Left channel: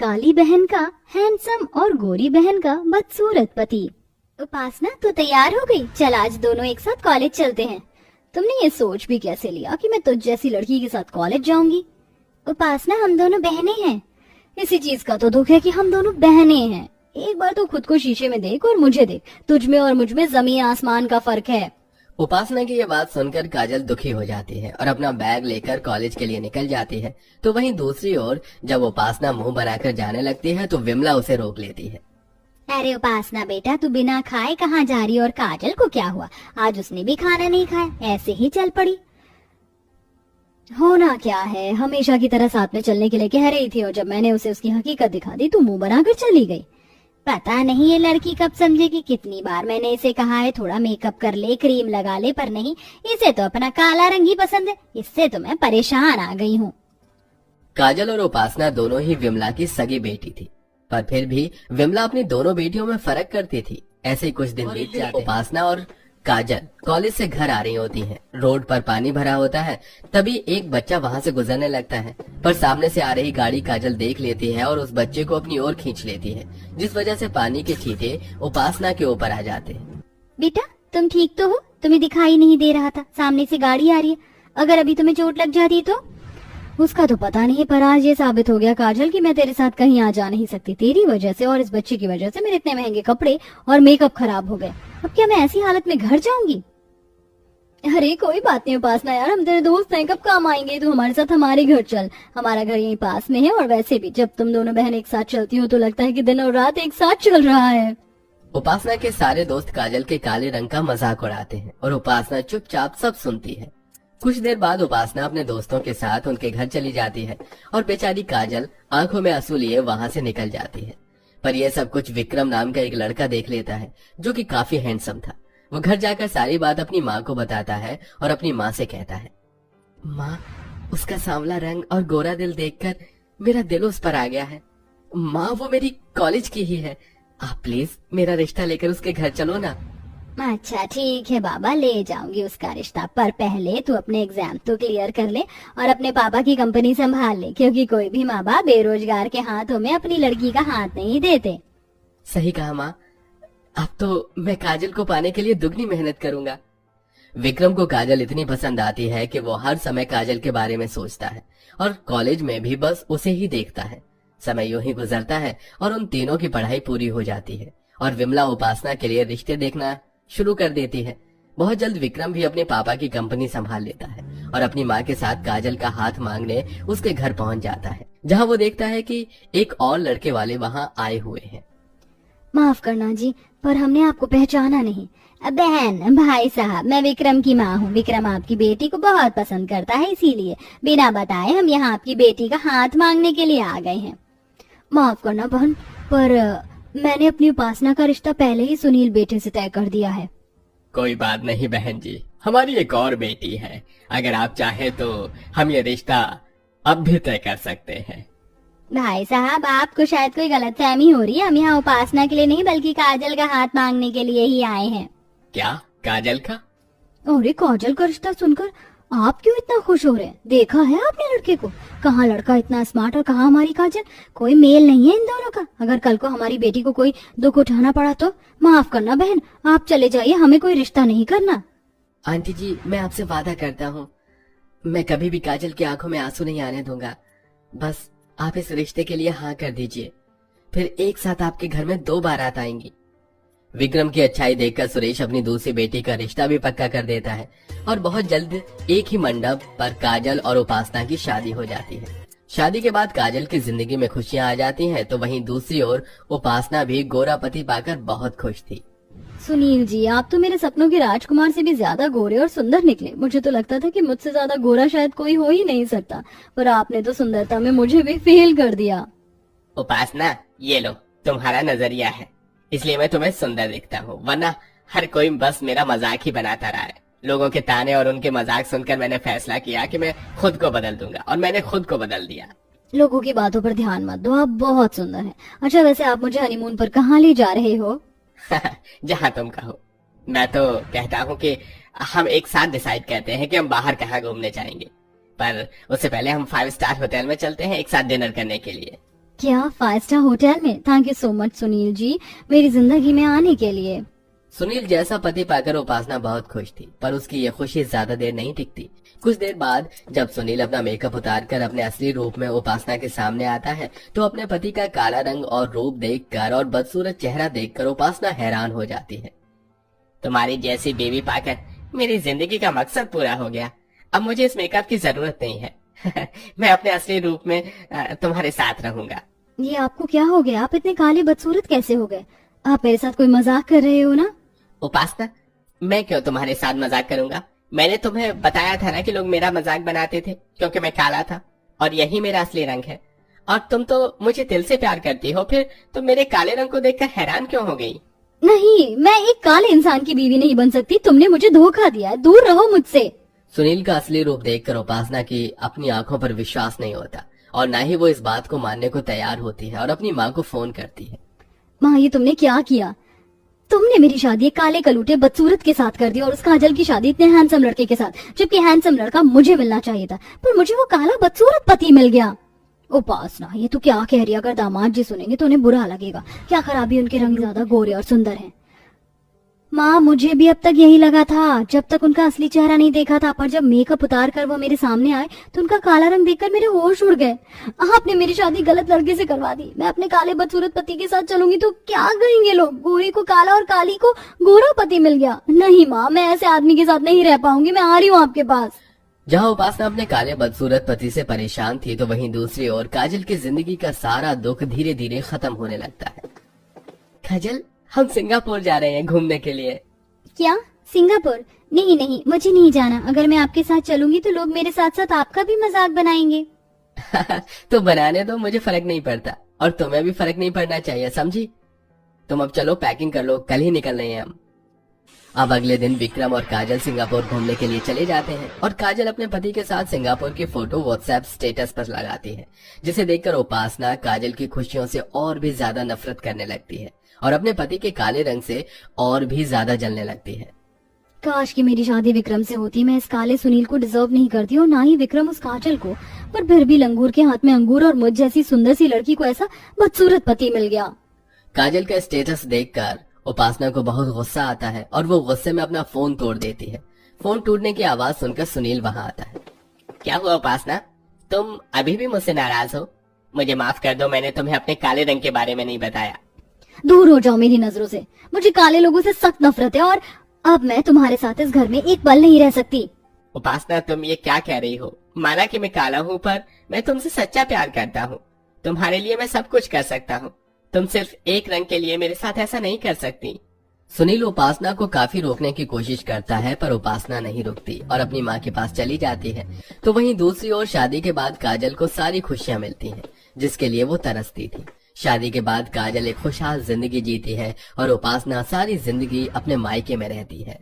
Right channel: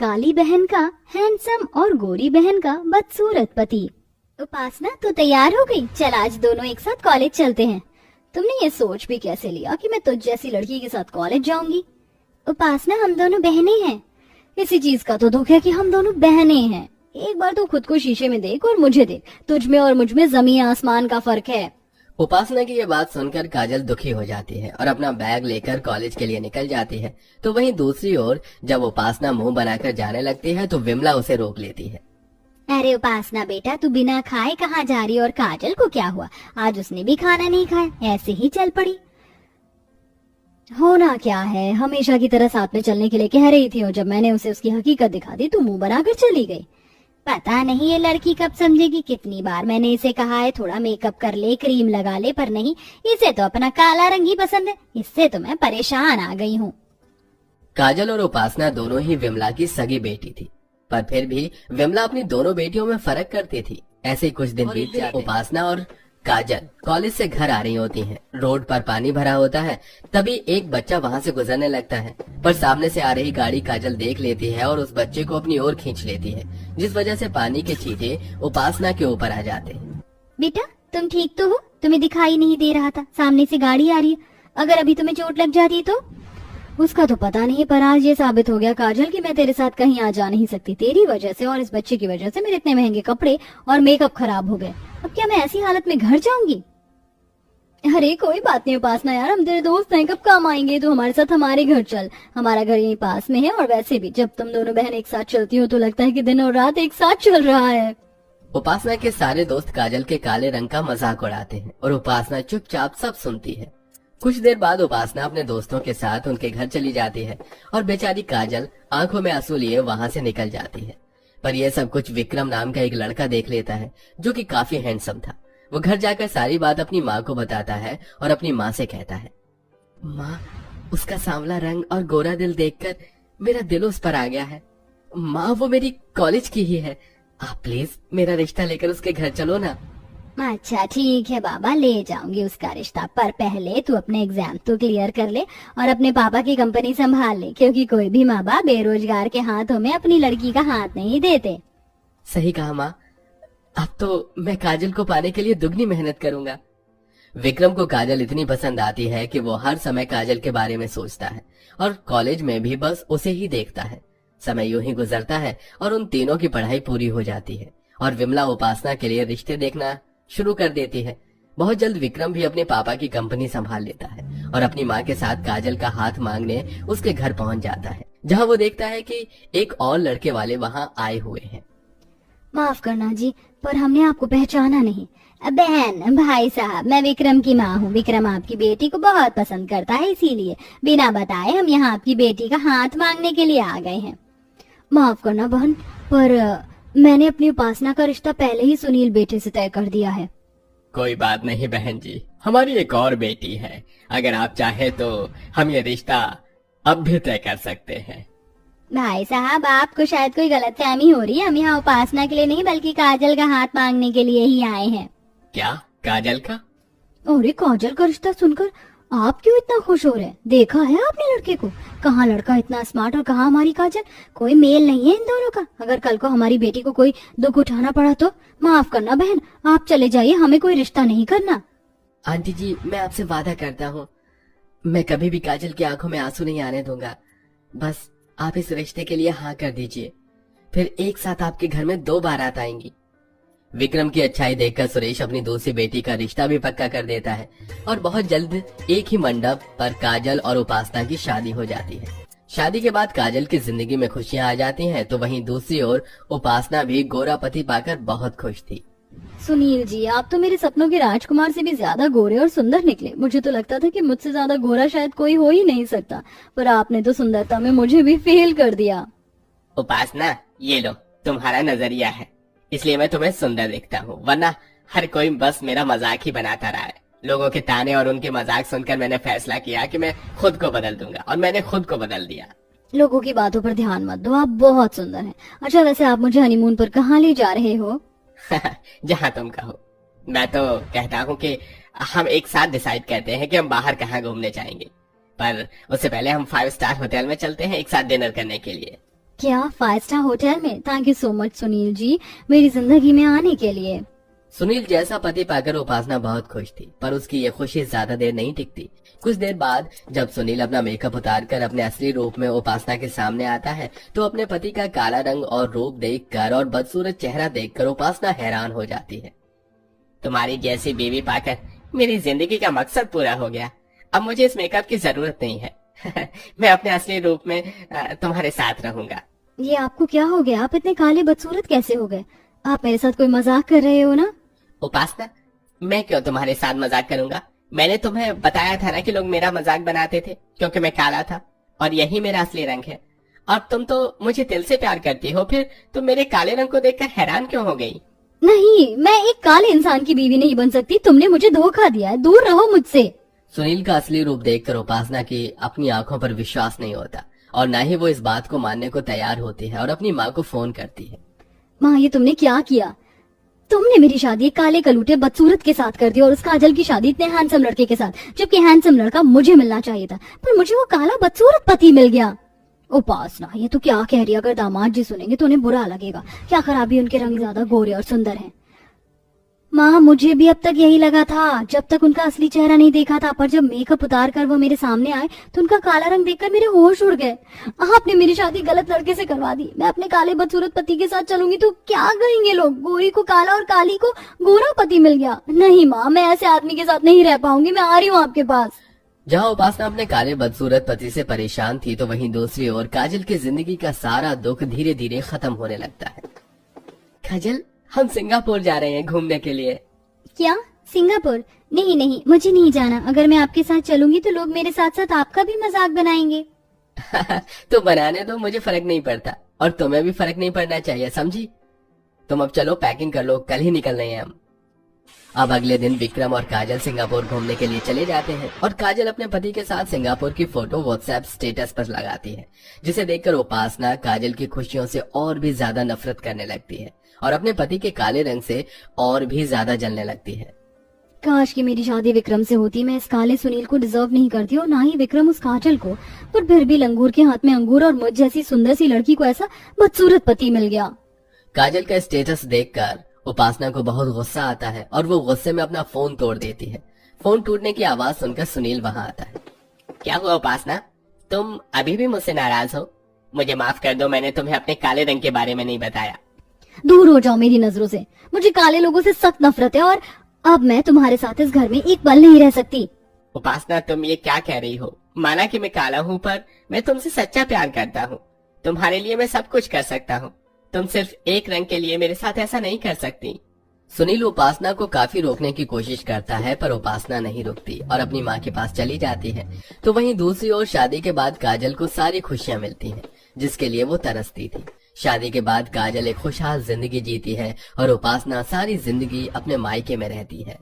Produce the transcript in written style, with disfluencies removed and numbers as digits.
काली बहन का हैंडसम और गोरी बहन का बदसूरत पति। उपासना तो तैयार हो गई, चल आज दोनों एक साथ कॉलेज चलते हैं। तुमने ये सोच भी कैसे लिया कि मैं तुझ जैसी लड़की के साथ कॉलेज जाऊंगी? उपासना, हम दोनों बहनें हैं। इसी चीज का तो दुख है कि हम दोनों बहनें हैं। एक बार तो खुद को शीशे में देख और मुझे देख, तुझ में और मुझ में जमीन आसमान का फर्क है। उपासना की ये बात सुनकर काजल दुखी हो जाती है और अपना बैग लेकर कॉलेज के लिए निकल जाती है। तो वहीं दूसरी ओर जब उपासना मुंह बनाकर जाने लगती है तो विमला उसे रोक लेती है। अरे उपासना बेटा, तू बिना खाए कहाँ जा रही? और काजल को क्या हुआ? आज उसने भी खाना नहीं खाया, ऐसे ही चल पड़ी। होना क्या है, हमेशा की तरह साथ में चलने के लिए कह रही थी और जब मैंने उसे उसकी हकीकत दिखा दी तो मुंह बनाकर चली गई। पता नहीं ये लड़की कब समझेगी। कितनी बार मैंने इसे कहा है थोड़ा मेकअप कर ले, क्रीम लगा ले, पर नहीं, इसे तो अपना काला रंग ही पसंद है। इससे तो मैं परेशान आ गई हूँ। काजल और उपासना दोनों ही विमला की सगी बेटी थी, पर फिर भी विमला अपनी दोनों बेटियों में फर्क करती थी। ऐसे ही कुछ दिन बीत जाते। उपासना और काजल कॉलेज से घर आ रही होती हैं। रोड पर पानी भरा होता है, तभी एक बच्चा वहां से गुजरने लगता है, पर सामने से आ रही गाड़ी काजल देख लेती है और उस बच्चे को अपनी ओर खींच लेती है, जिस वजह से पानी के छींटे उपासना के ऊपर आ जाते हैं। बेटा तुम ठीक तो हो? तुम्हें दिखाई नहीं दे रहा था, सामने से गाड़ी आ रही है। अगर अभी तुम्हें चोट लग जाती तो? उसका तो पता नहीं, पर आज ये साबित हो गया काजल कि मैं तेरे साथ कहीं आ जा नहीं सकती। तेरी वजह से और इस बच्चे की वजह से मेरे इतने महंगे कपड़े और मेकअप खराब हो गए। अब क्या मैं ऐसी हालत में घर जाऊंगी? अरे कोई बात नहीं उपासना यार, हम तेरे दोस्त हैं, कब काम आएंगे? तो हमारे साथ हमारे घर चल, हमारा घर यहीं पास में है। और वैसे भी जब तुम दोनों बहन एक साथ चलती हो तो लगता है कि दिन और रात एक साथ चल रहा है। उपासना के सारे दोस्त काजल के काले रंग का मजाक उड़ाते हैं और उपासना चुपचाप सब सुनती है। कुछ देर बाद उपासना अपने दोस्तों के साथ उनके घर चली जाती है और बेचारी काजल आंखों में आंसू लिए वहां से निकल जाती है। पर यह सब कुछ विक्रम नाम का एक लड़का देख लेता है, जो कि काफी हैंडसम था। वो घर जाकर सारी बात अपनी माँ को बताता है और अपनी माँ से कहता है, माँ, उसका सांवला रंग और गोरा दिल देखकर मेरा दिल उस पर आ गया है। माँ, वो मेरी कॉलेज की ही है, आप प्लीज मेरा रिश्ता लेकर उसके घर चलो ना। अच्छा ठीक है बाबा, ले जाऊंगी उसका रिश्ता, पर पहले तू अपने एग्जाम तो क्लियर कर ले और अपने पापा की कंपनी संभाल ले, क्योंकि कोई भी माँ बाप बेरोजगार के हाथों में अपनी लड़की का हाथ नहीं देते। सही कहा माँ, अब तो मैं काजल को पाने के लिए दुगनी मेहनत करूंगा। विक्रम को काजल इतनी पसंद आती है कि वो हर समय काजल के बारे में सोचता है और कॉलेज में भी बस उसे ही देखता है। समय यूं ही गुजरता है और उन तीनों की पढ़ाई पूरी हो जाती है और विमला उपासना के लिए रिश्ते देखना शुरू कर देती है। बहुत जल्द विक्रम भी अपने पापा की कंपनी संभाल लेता है और अपनी माँ के साथ काजल का हाथ मांगने उसके घर पहुंच जाता है, जहाँ वो देखता है कि एक और लड़के वाले वहाँ आए हुए हैं। माफ करना जी, पर हमने आपको पहचाना नहीं। बहन, भाई साहब, मैं विक्रम की माँ हूँ। विक्रम आपकी बेटी को बहुत पसंद करता है, इसीलिए बिना बताए हम यहाँ आपकी बेटी का हाथ मांगने के लिए आ गए हैं। माफ करना बहन, पर मैंने अपनी उपासना का रिश्ता पहले ही सुनील बेटे से तय कर दिया है। कोई बात नहीं बहन जी, हमारी एक और बेटी है, अगर आप चाहे तो हम ये रिश्ता अब भी तय कर सकते हैं। भाई साहब, आपको शायद कोई गलतफहमी हो रही है। हम यहाँ उपासना के लिए नहीं बल्कि काजल का हाथ मांगने के लिए ही आए हैं। क्या काजल का? अरे काजल का रिश्ता सुनकर आप क्यों इतना खुश हो रहे हैं? देखा है आपने लड़के को? कहाँ लड़का इतना स्मार्ट और कहाँ हमारी काजल? कोई मेल नहीं है इन दोनों का। अगर कल को हमारी बेटी को कोई दुख उठाना पड़ा तो माफ करना बहन, आप चले जाइए, हमें कोई रिश्ता नहीं करना। आंटी जी, मैं आपसे वादा करता हूँ, मैं कभी भी काजल की आंखों में आंसू नहीं आने दूंगा। बस आप इस रिश्ते के लिए हाँ कर दीजिए, फिर एक साथ आपके घर में 2 बारात आएंगी। विक्रम की अच्छाई देखकर सुरेश अपनी दूसरी बेटी का रिश्ता भी पक्का कर देता है और बहुत जल्द एक ही मंडप पर काजल और उपासना की शादी हो जाती है। शादी के बाद काजल की जिंदगी में खुशियां आ जाती हैं, तो वहीं दूसरी ओर उपासना भी गोरा पति पाकर बहुत खुश थी। सुनील जी, आप तो मेरे सपनों के राजकुमार से भी ज्यादा गोरे और सुंदर निकले। मुझे तो लगता था कि मुझसे ज्यादा गोरा शायद कोई हो ही नहीं सकता, पर आपने तो सुंदरता में मुझे भी फेल कर दिया। उपासना, ये लो तुम्हारा नजरिया है, इसलिए मैं तुम्हें सुंदर दिखता हूँ, वरना हर कोई बस मेरा मजाक ही बनाता रहा है। लोगों के ताने और उनके मजाक सुनकर मैंने फैसला किया कि मैं खुद को बदल दूंगा, और मैंने खुद को बदल दिया। लोगों की बातों पर ध्यान मत दो, आप बहुत सुंदर हैं। अच्छा वैसे आप मुझे हनीमून पर कहाँ ले जा रहे हो? जहाँ तुम कहो। मैं तो कहता हूँ कि हम एक साथ डिसाइड करते हैं कि हम बाहर कहाँ घूमने जाएंगे, पर उससे पहले हम 5 स्टार होटल में चलते हैं एक साथ डिनर करने के लिए। क्या 5 स्टार होटल में? Thank you so much Sunil ji, मेरी जिंदगी में आने के लिए। सुनील जैसा पति पाकर उपासना बहुत खुश थी, पर उसकी ये खुशी ज्यादा देर नहीं टिकती। कुछ देर बाद जब सुनील अपना मेकअप उतारकर अपने असली रूप में उपासना के सामने आता है, तो अपने पति का काला रंग और रूप देखकर और बदसूरत चेहरा देखकर उपासना हैरान हो जाती है। तुम्हारी जैसी बीवी पाकर मेरी जिंदगी का मकसद पूरा हो गया। अब मुझे इस मेकअप की जरूरत नहीं है। मैं अपने असली रूप में तुम्हारे साथ रहूंगा। ये आपको क्या हो गया? आप इतने काले बदसूरत कैसे हो गए? आप मेरे साथ कोई मजाक कर रहे हो ना? उपासना, मैं क्यों तुम्हारे साथ मजाक करूंगा? मैंने तुम्हें बताया था ना कि लोग मेरा मजाक बनाते थे क्योंकि मैं काला था, और यही मेरा असली रंग है। और तुम तो मुझे दिल से प्यार करती हो, फिर तुम मेरे काले रंग को देखकर हैरान क्यों हो गई? नहीं, मैं एक काले इंसान की बीवी नहीं बन सकती। तुमने मुझे धोखा दिया है, दूर रहो मुझसे। सुनील का असली रूप देखकर उपासना की अपनी आंखों पर विश्वास नहीं होता, और न ही वो इस बात को मानने को तैयार होती है और अपनी माँ को फोन करती है। माँ, ये तुमने क्या किया? तुमने मेरी शादी एक काले कलूटे बदसूरत के साथ कर दी और उस काजल की शादी इतने हैंडसम लड़के के साथ, जबकि हैंडसम लड़का मुझे मिलना चाहिए था, पर मुझे वो काला बदसूरत पति मिल गया। उपासना, ये तो क्या कह रही है? अगर दामाद जी सुनेंगे तो उन्हें बुरा लगेगा। क्या खराबी उनके रंग ज्यादा गोरे और सुंदर हैं। माँ, मुझे भी अब तक यही लगा था जब तक उनका असली चेहरा नहीं देखा था, पर जब मेकअप उतार कर वो मेरे सामने आए तो उनका काला रंग देखकर मेरे होश उड़ गए। आपने मेरी शादी गलत लड़के से करवा दी। मैं अपने काले बदसूरत पति के साथ चलूंगी तो क्या कहेंगे लोग? गोरी को काला और काली को गोरा पति मिल गया। नहीं माँ, मैं ऐसे आदमी के साथ नहीं रह पाऊंगी। मैं आ रही हूँ आपके पास। जहाँ उपासना अपने काले बदसूरत पति से परेशान थी, तो वहीं दूसरी ओर काजल की जिंदगी का सारा दुख धीरे धीरे खत्म होने लगता है। काजल, हम सिंगापुर जा रहे हैं घूमने के लिए। क्या? सिंगापुर? नहीं नहीं, मुझे नहीं जाना। अगर मैं आपके साथ चलूंगी तो लोग मेरे साथ साथ आपका भी मजाक बनाएंगे। तो बनाने दो, मुझे फर्क नहीं पड़ता, और तुम्हें भी फर्क नहीं पड़ना चाहिए, समझी? तुम अब चलो, पैकिंग कर लो, कल ही निकल रहे हैं हम। अब अगले दिन विक्रम और काजल सिंगापुर घूमने के लिए चले जाते हैं, और काजल अपने पति के साथ सिंगापुर की फोटो व्हाट्सएप स्टेटस पर लगाती है, जिसे देखकर उपासना काजल की खुशियों से और भी ज्यादा नफरत करने लगती है और अपने पति के काले रंग से और भी ज्यादा जलने लगती है। काश कि मेरी शादी विक्रम से होती। मैं इस काले सुनील को डिजर्व नहीं करती और ना ही विक्रम उस काजल को, पर फिर भी लंगूर के हाथ में अंगूर और मुझ जैसी सुंदर सी लड़की को ऐसा बदसूरत पति मिल गया। काजल का स्टेटस देखकर उपासना को बहुत गुस्सा आता है और वो गुस्से में अपना फोन तोड़ देती है। फोन टूटने की आवाज सुनकर सुनील वहां आता है। क्या हुआ उपासना, तुम अभी भी मुझसे नाराज हो? मुझे माफ कर दो, मैंने तुम्हें अपने काले रंग के बारे में नहीं बताया। दूर हो जाओ मेरी नजरों से। मुझे काले लोगों से सख्त नफरत है और अब मैं तुम्हारे साथ इस घर में एक पल नहीं रह सकती। उपासना, तुम ये क्या कह रही हो? माना कि मैं काला हूँ, पर मैं तुमसे सच्चा प्यार करता हूँ। तुम्हारे लिए मैं सब कुछ कर सकता हूँ। तुम सिर्फ एक रंग के लिए मेरे साथ ऐसा नहीं कर सकती। सुनील उपासना को काफी रोकने की कोशिश करता है, पर उपासना नहीं रुकती और अपनी माँ के पास चली जाती है। तो वहीं दूसरी ओर शादी के बाद काजल को सारी खुशियाँ मिलती हैं, जिसके लिए वो तरसती थी। शादी के बाद काजल एक खुशहाल जिंदगी जीती है और उपासना सारी जिंदगी अपने मायके में रहती है।